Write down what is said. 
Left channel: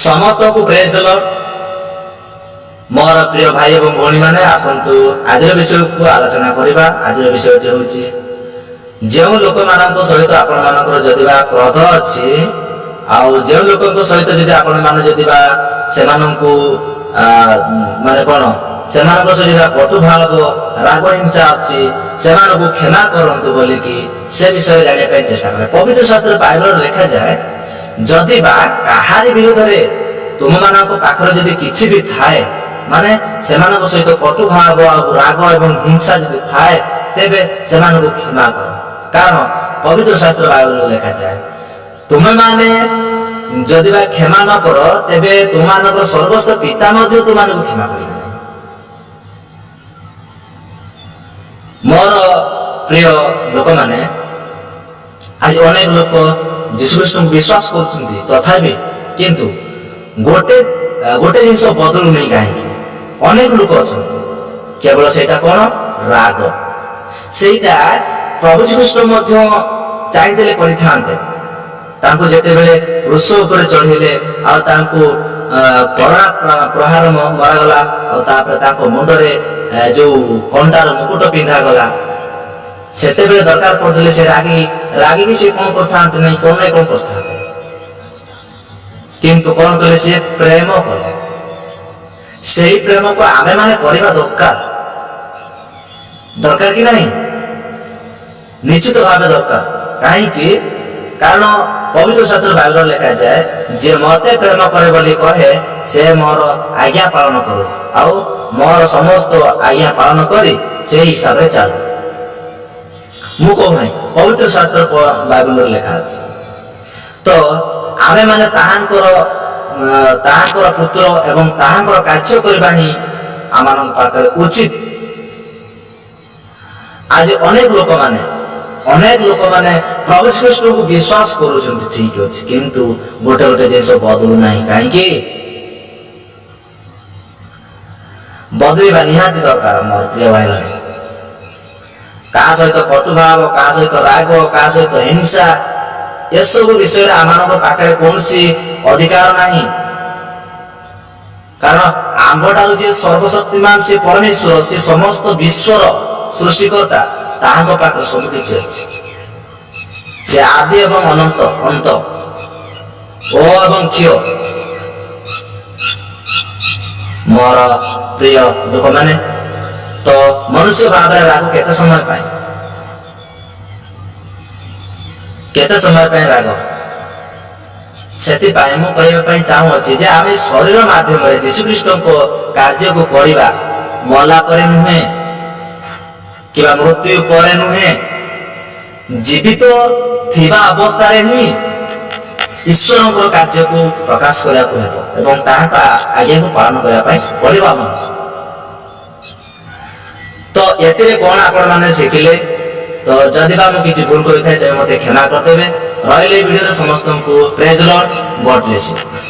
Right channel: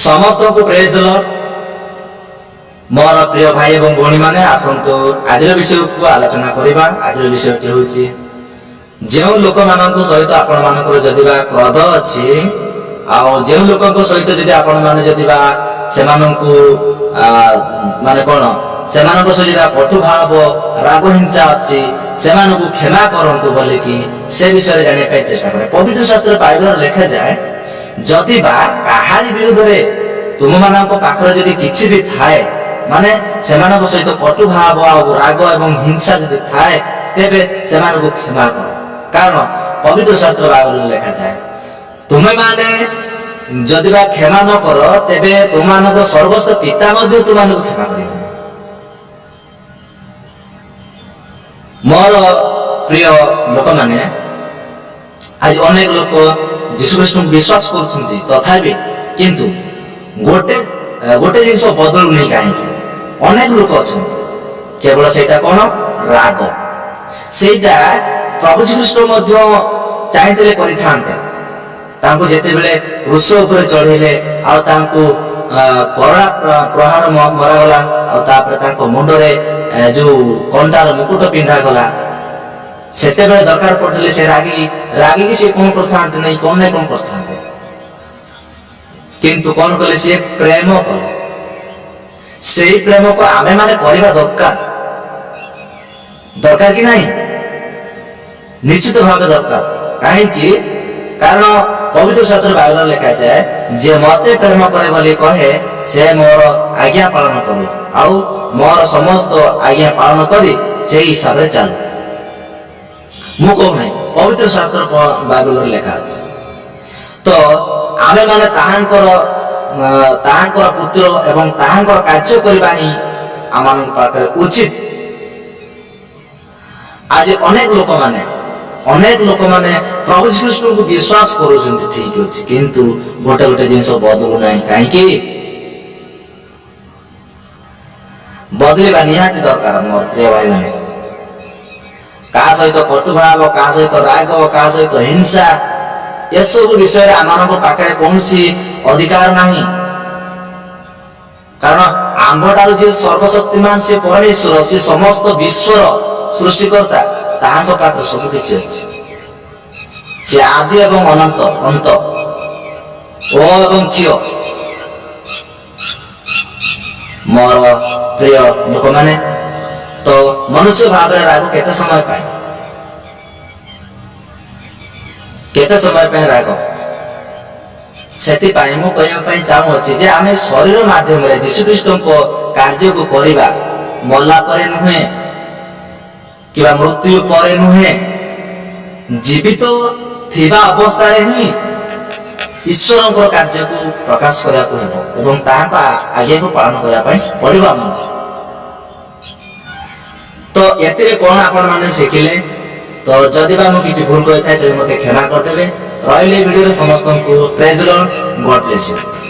समस्त को praise the Lord. मोर प्रिय भाई एवं भौणी माने आसंतु आज विषय को आलोचना करिबा। आज विषयटी होछि जे लोक मानक सहित आपण मानकर जदिबा क्रोध अछि आउ जे लोक सहित जदि आपण माने जदिबा सेमानकु माने कोन सेमानक सहित कटु भाव राग हिंसा अछि सेमानकु क्षमा करंतु बोली कि से विषय जाने पे चेष्टा करे। पवित्र शास्त्र बाइबल लिखा जाए जदिबा काहारी विरुद्ध रे तुम मानक पाखर जदि किछि भी थाए माने सेमानक सहित कटु भाव राग एवं हिंसा जदि थाए तेबे सेमानकु क्षमा कर। कारण पवित्र शास्त्र बाइबल लिखा जाए तुमे माने जदिबा क्षमा न कर तेबे तुमानक सर्वस्व पिता मध्ये तुमानकु क्षमा करिबे। मोर प्रिय लोक माने आज अनेक लोक यीशु ख्रीष्ट विश्वास करछन्ती तथापि किंतु गोटे जिनिस बदलु नहीं काहेकि अनेक लोक अछन्ती केवल सेटा कोन राग सेटा प्रभु यीशु ख्रीष्ट मध्ये चाहिथिले करिथान्ते तांको जेते बेले क्रूस ऊपर चढ़िले आ तांको कड़ा प्रहार मरागला और तापर तांको मुंडरे जो कंटार मुकुट पिंधा गला सेते बेले दरकार पड़थिले से रागी की से कोन करथान्ते नहीं कोन करथान्ते किंतु कोन कले से प्रेम कले सेही प्रेम को आमे माने करबा दरकार कि नहीं निश्चित भाव दरकार काहे कि कारण पवित्र शास्त्र बाइबल लिखा जाए जे मते प्रेम करे बोली कहे से मोर आज्ञा पालन करो आउ मोर समस्त आज्ञा पालन करी से हिसाब रे चल मु कहू नहीं पवित्र शास्त्र बाइबल लिखा अछि। तो आमे माने ताहांकर पुत्र एवं ताहांकर कार्य करबा ही आमान पाकर उचित। आज अनेक लोक माने प्रभु श्रीकृष्ण को विश्वास करूछन्ति ठीक अछि किंतु गोटे जिनस बदलु नाही काहेकि बदलिबा निहाती दरकार। मोर प्रिय भाई माने का सहित कटु भाव का सहित राग का सहित हिंसा ये सब विषय आमानक पाखे कोनसी अधिकार नाही। कारण आम्भटारु जे सर्वशक्तिमान से परमेश्वर से समस्त विश्वर सृष्टिकर्ता ताहांको पाखे सब किछि अछि से आदि एवं अनंत अंत ओ एवं क्यों। मोर प्रिय लोक माने तो मनुष्य भाव राग केते समय पे राग सेति पाए मु कहबा पई चाहू अछि जे आमे शरीर माध्यम रे यीशु ख्रीष्ट को कार्य को करिबा मला परे नुहे किबा मृत्यु परे नुहे जीवित थिबा अवस्था रे ही ईश्वर कार्य को प्रकाश करिया को हेबो एवं ताहा आगे को पालन करिया पई पड़िबा मन। तो एते कोन आपण माने शिखिले तो जदि बा मु किछि भूल करि थाए ते मते क्षमा कर देबे। रहिले वीडियो रे समस्त को praise the Lord, God bless you.